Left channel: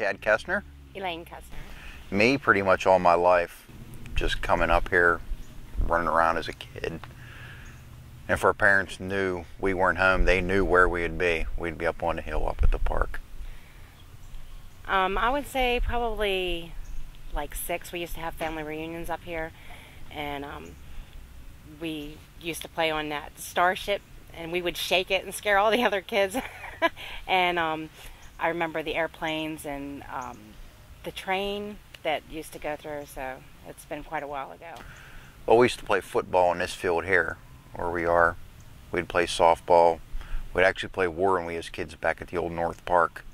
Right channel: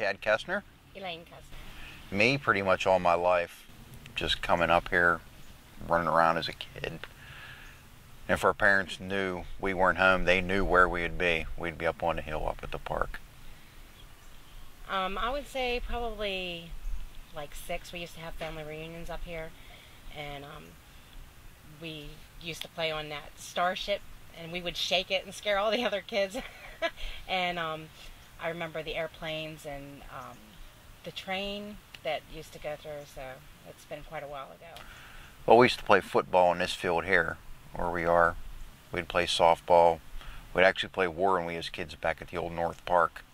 Chad Kestner. Elaine Kestner. Me, pretty much all my life, just coming up here, running around as a kid. And if our parents knew we weren't home, they knew where we'd be. We'd be up on the hill up at the park. I would say probably like 6. We used to have family reunions up here, and we used to play on that starship, and we would shake it and scare all the other kids. And I remember the airplanes and the train that used to go through, so it's been quite a while ago. Well, we used to play football in this field here, where we are. We'd play softball. We'd actually play war when we as kids back at the old North Park,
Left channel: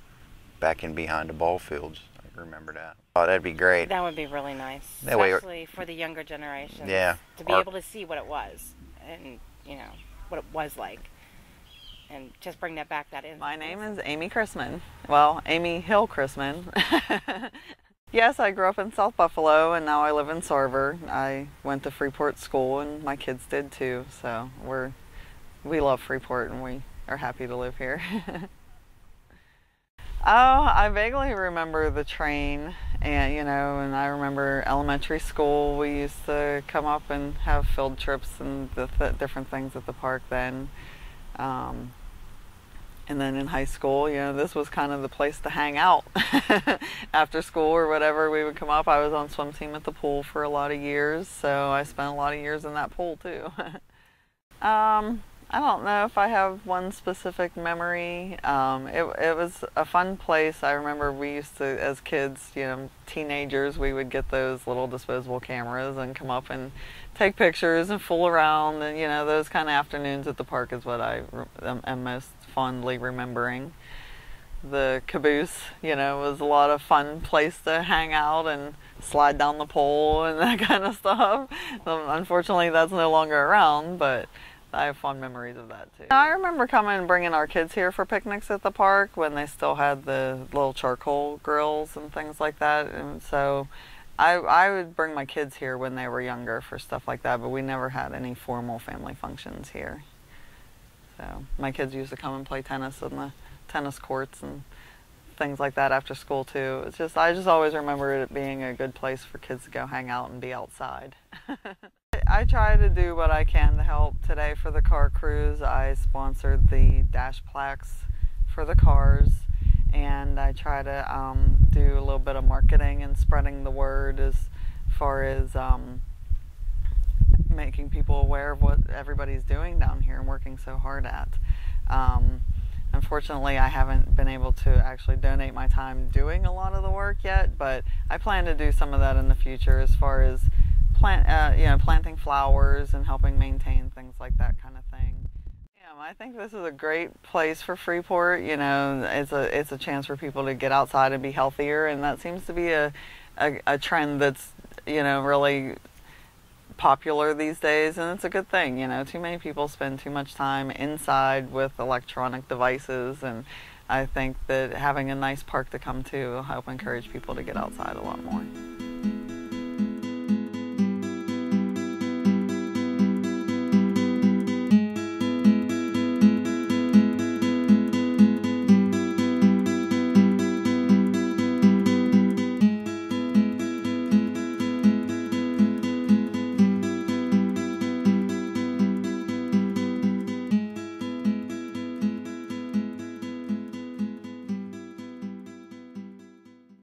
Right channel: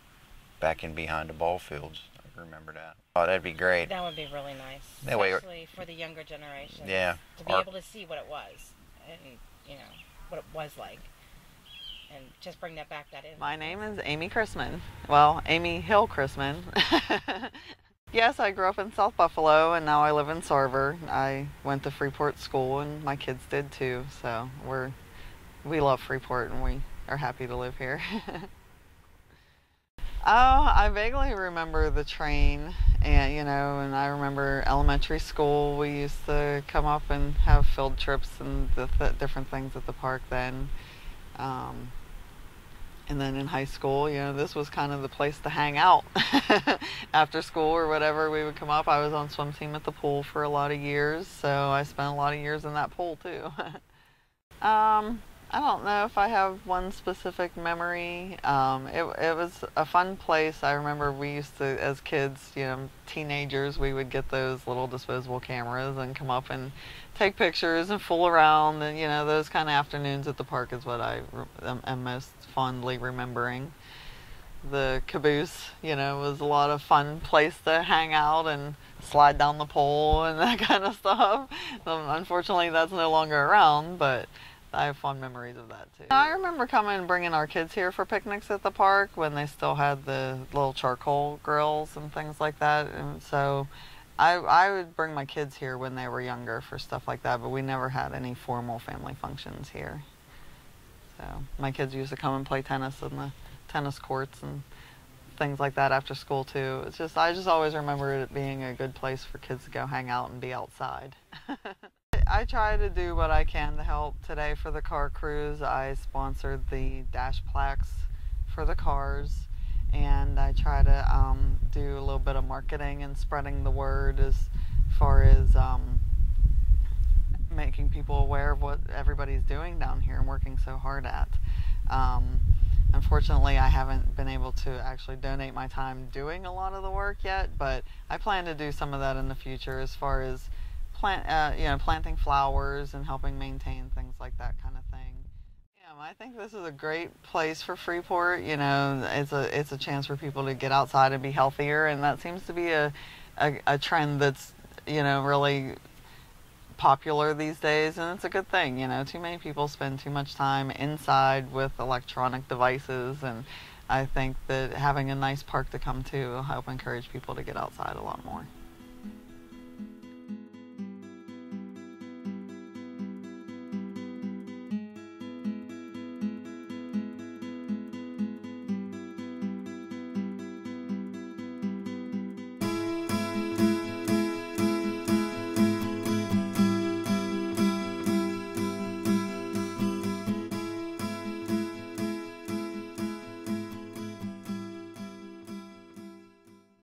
back in behind the ball fields. I remember that. Oh, that'd be great. That would be really nice, that way, especially for the younger generation. Yeah. To be able to see what it was, and what it was like, and just bring that back. My name is Amy Chrisman. Well, Amy Hill Chrisman. Yes, I grew up in South Buffalo, and now I live in Sarver. I went to Freeport School, and my kids did too. So we love Freeport, and we are happy to live here. Oh, I vaguely remember the train, and I remember elementary school. We used to come up and have field trips and the different things at the park then. And then in high school, this was kind of the place to hang out. After school or whatever, we would come up. I was on swim team at the pool for a lot of years, so I spent a lot of years in that pool too. I don't know if I have one specific memory. It was a fun place. I remember we used to, as kids, teenagers, we would get those little disposable cameras and come up and take pictures and fool around. And, those kind of afternoons at the park is what I am most fondly remembering. The caboose, was a lot of fun place to hang out and slide down the pole and that kind of stuff. Unfortunately, that's no longer around, but I have fond memories of that too. I remember coming and bringing our kids here for picnics at the park when they still had the little charcoal grills and things like that. And so I would bring my kids here when they were younger for stuff like that, but we never had any formal family functions here. So my kids used to come and play tennis in the tennis courts and things like that after school too. I just always remember it being a good place for kids to go hang out and be outside. I try to do what I can to help. Today for the car cruise, I sponsored the dash plaques for the cars, and I try to do a little bit of marketing and spreading the word as far as making people aware of what everybody's doing down here and working so hard at. Unfortunately, I haven't been able to actually donate my time doing a lot of the work yet, but I plan to do some of that in the future as far as planting flowers and helping maintain things like that kind of thing. I think this is a great place for Freeport. It's a chance for people to get outside and be healthier, and that seems to be a trend that's really popular these days, and it's a good thing. Too many people spend too much time inside with electronic devices, and I think that having a nice park to come to will help encourage people to get outside a lot more.